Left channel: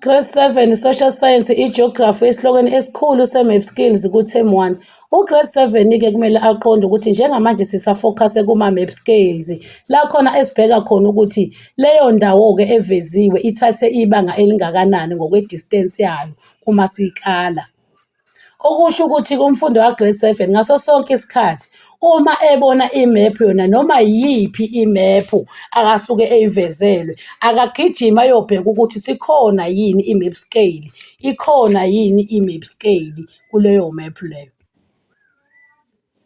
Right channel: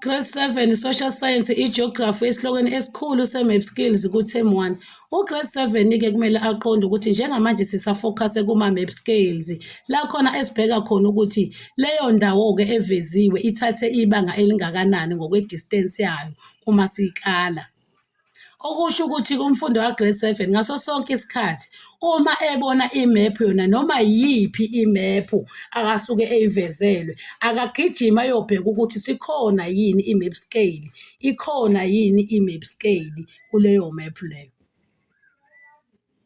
Grade 7 Social Science iGeography esihlokweni esikhulu se-Map Skills ku-Term 1. U-Grade 7-ke kumele aqonde ukuthi njengamanje sisafokhase kuma-map skills la khona esibheka khona ukuthi leyo ndawo-ke eveziwe ithathe ibanga elingakanani ngokwe-distance yayo uma siyikala. Okusho ukuthi umfundi wa-Grade 7 ngaso sonke isikhathi uma ebona imephu yona noma yiphi imephu akasuke eyivezelwe akagijima ayobheka ukuthi sikhona yini i-map scale, ikhona yini i-map scale kuleyo mephu leyo.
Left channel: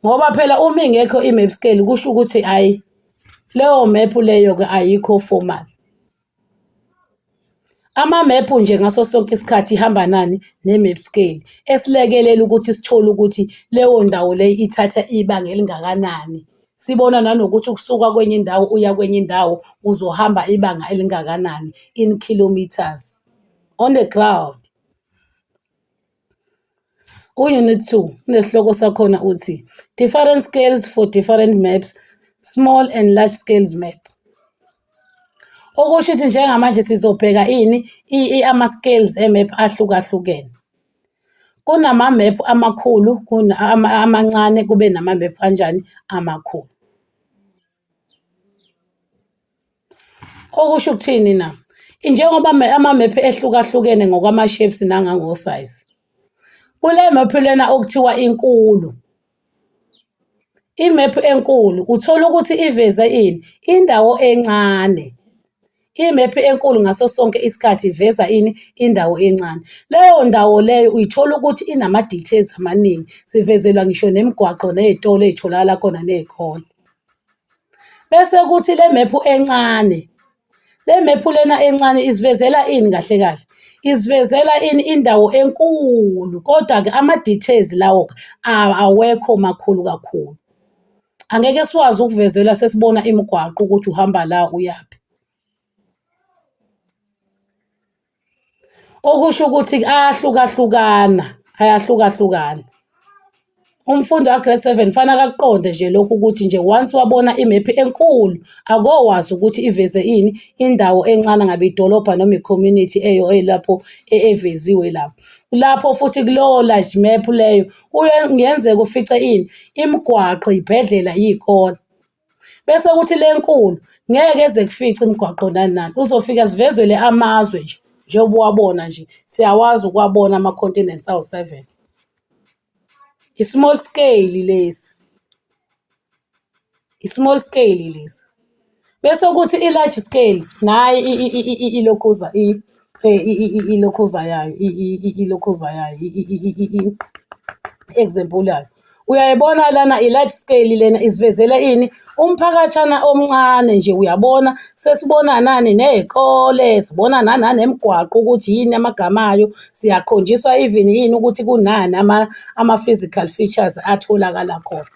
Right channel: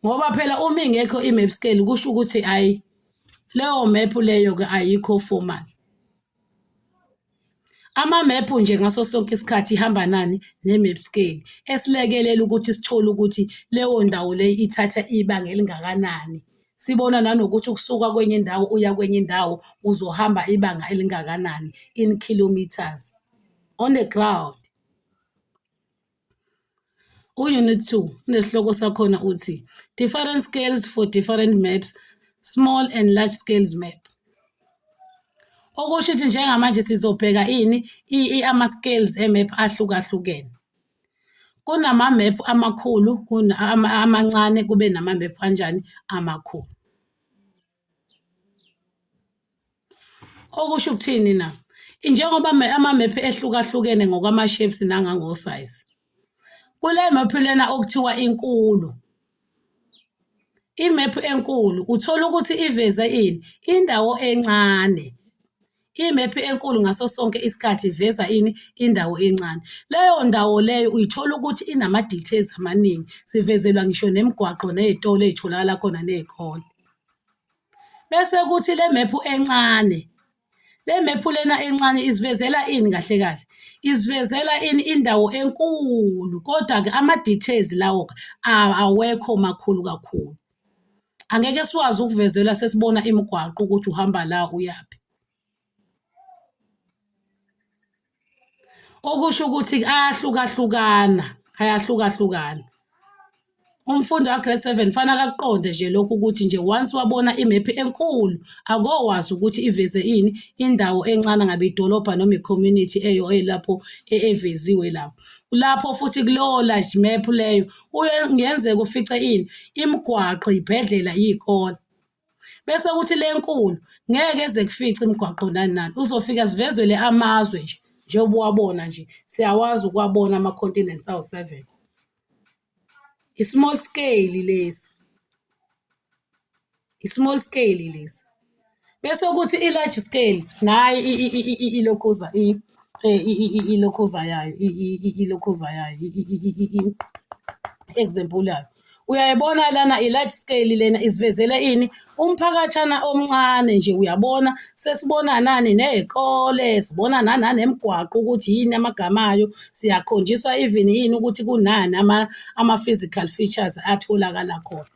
Ngoba phela uma ingekho i-map scale kusho ukuthi hhayi leyo mephu leyo-ke ayikho formal. Amamephu nje ngaso sonke isikhathi ihamba nani ne-map scale esilekelela ukuthi sithole ukuthi leyo ndawo leyo ithatha ibanga elingakanani. Sibona nanokuthi ukusuka kwenye indawo uya kwenye indawo uzohamba ibanga elingakanani in kilometers on the ground. U-Unit 2 unesihloko sakhona uthi different scales for different maps, small and large scales map. Okusho ukuthi njengamanje sizobheka ama-scales e-map ahlukahlukene. Kunama-map amakhulu, amancane, kube nama-map kanjani amakhulu. Okusho ukuthini na? Njengoba ama-map ehlukahlukene ngokwama-shapes nangango-size. Kule map lena okuthiwa inkulu. Imephu enkulu uthola ukuthi iveze ini? Indawo encane. Imephu enkulu ngaso sonke isikhathi iveza ini? Indawo encane. Leyo ndawo leyo uyithola ukuthi inama-details amaningi. Sivezelwa ngisho nemigwaqo ney'tolo ey'tholakala khona ney'kole. Bese kuthi le mephu encane. Le mephu lena encane isivezela ini kahle kahle? Isivezela ini? Indawo enkulu. Kodwa-ke ama-details lawo awekho makhulu kakhulu. Angeke siwazi ukuvezela sesibona imigwaqo ukuthi uhamba la uyaphi. Okusho ukuthi ayahlukahlukana. Umfundi wa-Grade 7 fanele akuqonde nje lokhu ukuthi nje once wabona imephu enkulu akowazi ukuthi iveze ini? Indawo encane ngabe idolobha noma i-community elapho eveziwe lapho. Lapho futhi kulowo large map leyo kungenzeka ufice ini? Imigwaqo, ibhedlela, iy'kole. Bese kuthi le nkulu ngeke eze kufice imigwaqo nani nani. Uzofika zivezelwe amazwe nje. Njengoba uwabona nje siyawazi ukuwabona ama-continents awu-7. I-small scale lesi. I-small scale lesi. Bese kuthi i-large scales nayi ilokhuza yayo, ilokhuza yayo, example yayo. Uyayibona lana i-large scale lena isivezela ini? Umphakathana omncane nje uyabona sesibona nani ney'kole, sibona nanemigwaqo ukuthi yini amagama ayo, siyakhonjiswa even yini ukuthi kunani ama-physical features atholakala khona.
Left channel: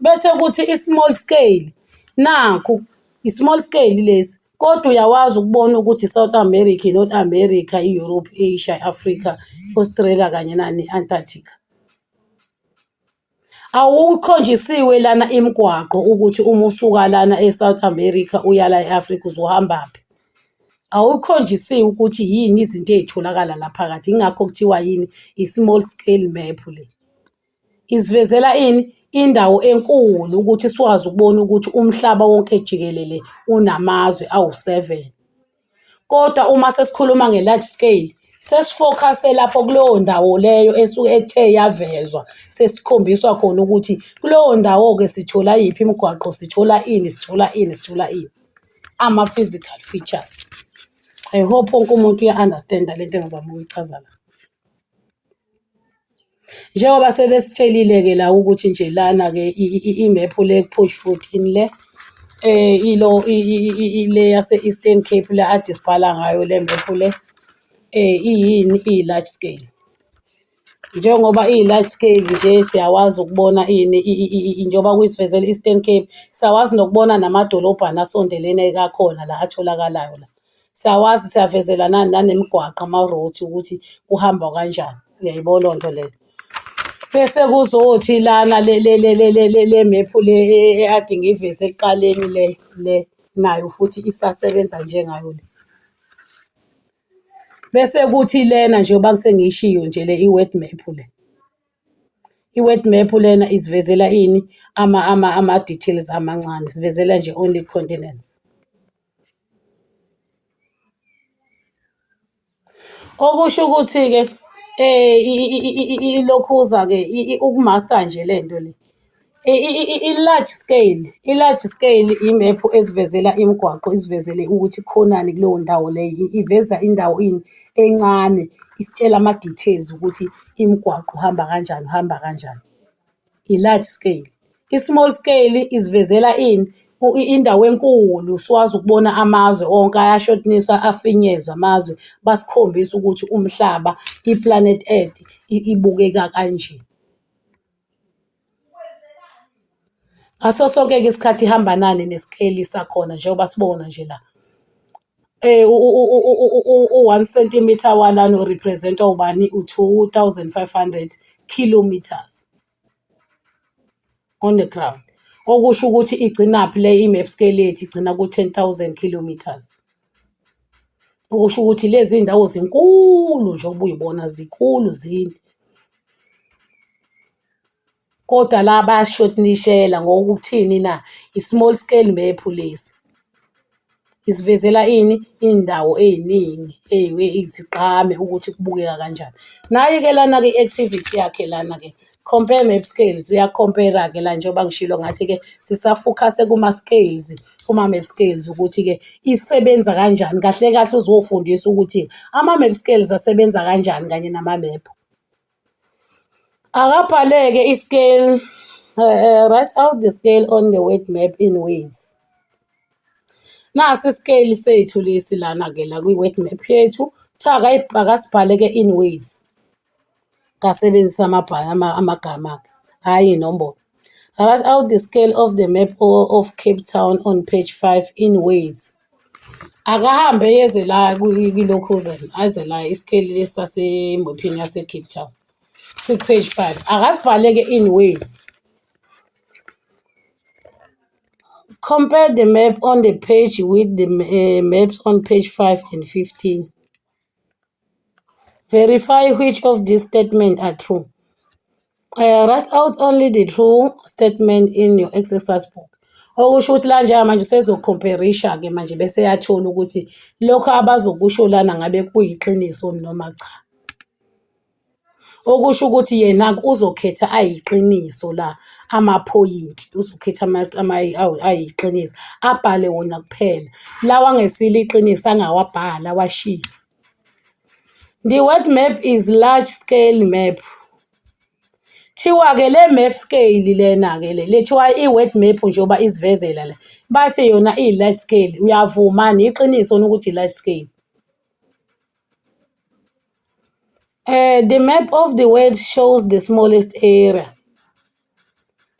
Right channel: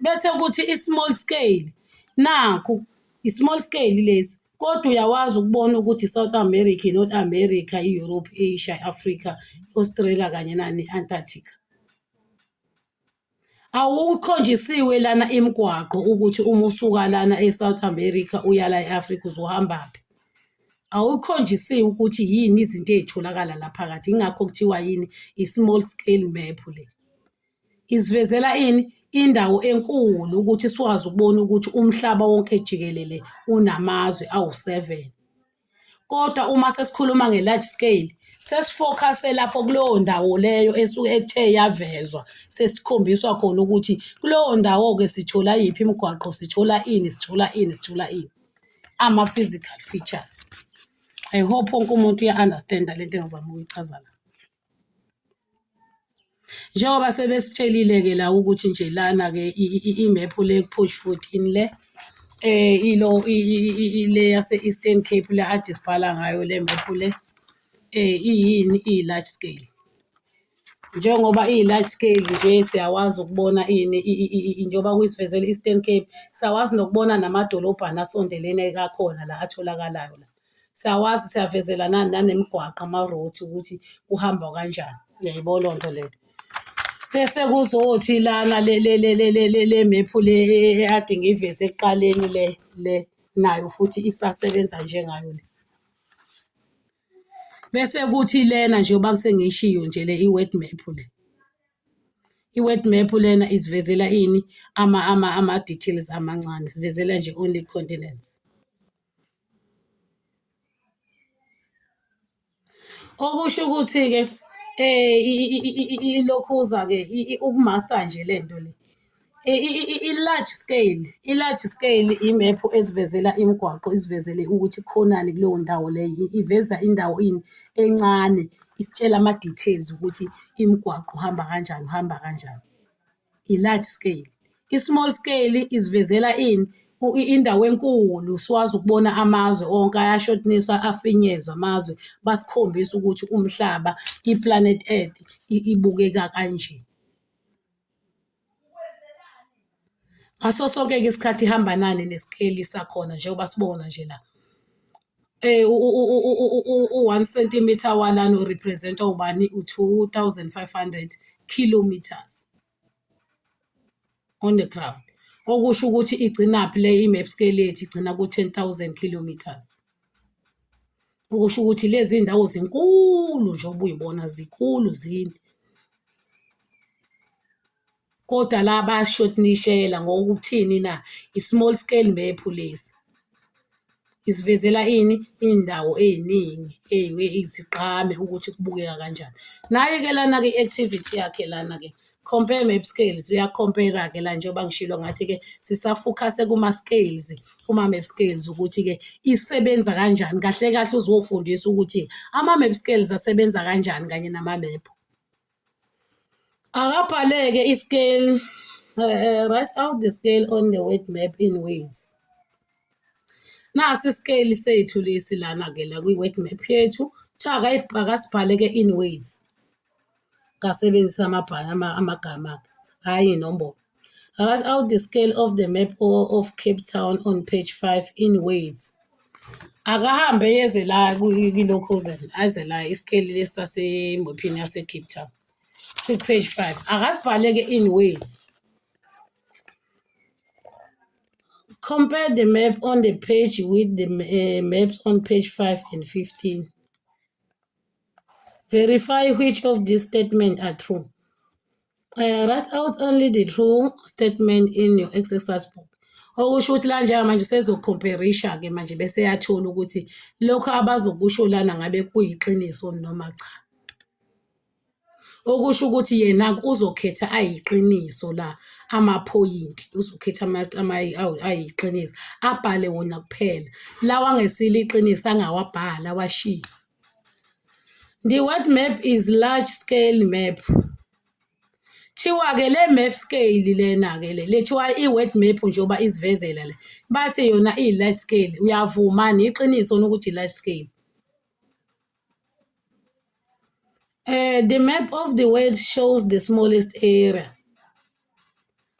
Bese kuthi i-small scale, nakhu i-small scale lesi. Kodwa uyawazi ukubona ukuthi i-South America, i-North America, i-Europe, i-Asia, i-Africa, i-Australia kanye nani i-Antarctica. Awukhonjisiwe lana imigwaqo ukuthi uma usuka lana e-South America uya la e-Africa uzohambaphi. Awukhonjisiwe ukuthi yini izinto ey'tholakala la phakathi. Yingakho kuthiwa yini? I-small scale map le. Isivezela ini? Indawo enkulu ukuthi sikwazi ukubona ukuthi umhlaba wonke jikelele unamazwe awu-7. Kodwa uma sesikhuluma nge-large scale sesifokhase lapho kuleyo ndawo leyo esuke ethe yavezwa sesikhombiswa khona ukuthi kuleyo ndawo-ke sithola yiphi imigwaqo, sithola ini. Ama-physical features. I hope wonke umuntu uya-understand-a lento engizama ukuyichaza la. Njengoba sebesitshelile-ke la ukuthi nje lana-ke imephu le push 14 le ile yase-Eastern Cape le ade sibhala ngayo le mephu le iyini? Iyi-large scale. Njengoba iyi-large scale nje siyawazi ukubona ini njengoba kuyisivezela i-Eastern Cape siyawazi nokubona namadolobhana asondelene kakhona la atholakalayo la. Siyawazi siyavezela nanemigwaqo ama-roads ukuthi kuhamba kanjani. Uyayibona loo nto leyo. Bese kuzothi lana le mephu le ade ngiyiveze ekuqaleni le nayo futhi isasebenza njengayo le. Bese kuthi lena njengoba sengiyishiyo nje le i-word map le. I-word map lena isivezela ini? Ama-details amancane. Sivezela nje only continents. Okusho ukuthi-ke ilokhuza-ke ukumaster nje le nto le. I-large scale imephu esivezela imigwaqo isivezele ukuthi khonani kuleyo ndawo leyo. Iveza indawo ini encane, isitshela ama-details ukuthi imigwaqo uhamba kanjani, uhamba kanjani. I-large scale. I-small scale isivezela ini? Indawo enkulu siwazi ukubona amazwe onke ayashodaniswa afinyezwa amazwe basikhombisa ukuthi umhlaba, i-planet Earth ibukeka kanje. Ngaso sonke-ke isikhathi ihamba nani nesikeli sakhona njengoba sibona nje la. U-1 centimeter walana urepresenta ubani? U-2500 kilometers on the ground. Okusho ukuthi igcinaphi le i-map scale yethu igcina ku-10,000 kilometers. Okusho ukuthi lezi ndawo zinkulu njengoba uyibona zinkulu zini. Kodwa la bayashodanishela ngokuthini na? I-small scale map lesi. Isivezela ini? Indawo ey'ningi izigqame ukuthi kubukeka kanjani. Nayi-ke lana-ke i-activity yakhe lana-ke. Compare map scales, uyakompera-ke la njengoba ngishilo ngathi-ke sisafokhase kuma-scales, kuma-map scales ukuthi-ke isebenza kanjani. Kahle kahle uzofundisa ukuthi ama-map scales asebenza kanjani kanye nama-map. Akabhale-ke i-scale, write out the scale on the word map in words. Nasi isikeli sethu lesi lana-ke la kwi-word map yethu. Akasibhale-ke in words. Ngasebenzisa amagama-ke, hhayi iy'nombolo. Write out the scale of the map of Cape Town on page 5 in words. Akahambe yeze la kwilokhuzana, aze la isikeli lesi sasemophini yase-Cape Town. Page 5. Akasibhale-ke in words. Compare the map on the page with the maps on page 5 and 15. Verify which of these statements are true. Write out only the true statement in your exercise book. Okusho ukuthi la njengamanje usezokhomperisha-ke manje bese yathola ukuthi lokho abazokusho lana ngabe kuyiqiniso noma cha. Okusho ukuthi yena uzokhetha ayiqiniso la amaphoyinti, uzokhetha ayiqiniso abhale wona kuphela. Lawa angesilo iqiniso angawabhala awashiye. The word map is large scale map. Thiwa-ke le map scale lena-ke lethiwa i-word map njengoba isivezela le. Bathi yona i-large scale. Uyavuma iqiniso ukuthi i-large scale. The map of the world shows the smallest area.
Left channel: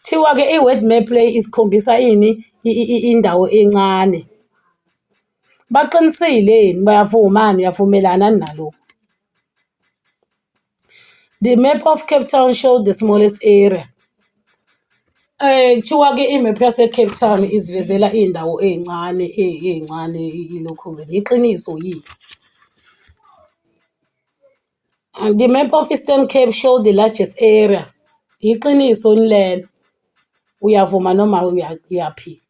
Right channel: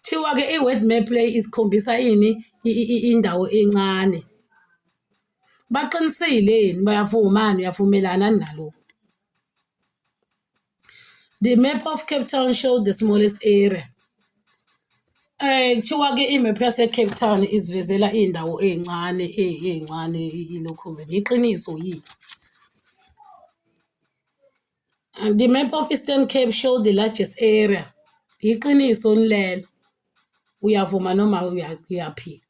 Thiwa-ke i-word map le isikhombisa ini? Indawo encane. Baqinisile yini? Bayavuma uyavumelana nalokho? The map of Cape Town shows the smallest area. Kuthiwa-ke imap yase-Cape Town isivezela iy'ndawo ey'ncane ilokhuzeni. Iqiniso yini? The map of Eastern Cape shows the largest area. Iqiniso lelo. Uyavuma noma uyaphika?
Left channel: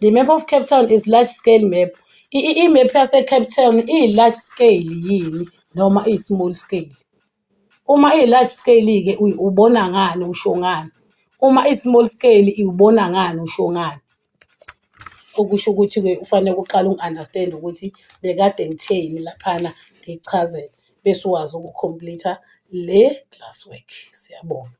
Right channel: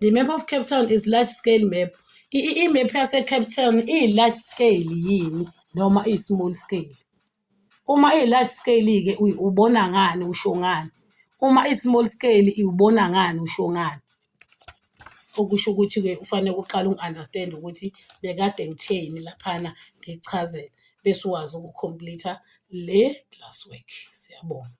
The map of Cape Town is large scale map. Imap yase-Cape Town iyi-large scale yini noma iyi-small scale? Uma iyi-large scale-ke ubona ngani, usho ngani? Uma i-small scale iwubona ngani, usho ngani? Okusho ukuthi-ke ufanele uqale uku-understand ukuthi bekade ngitheni laphana ngikuchazela bese uwazi uku-complete le classwork. Siyabonga.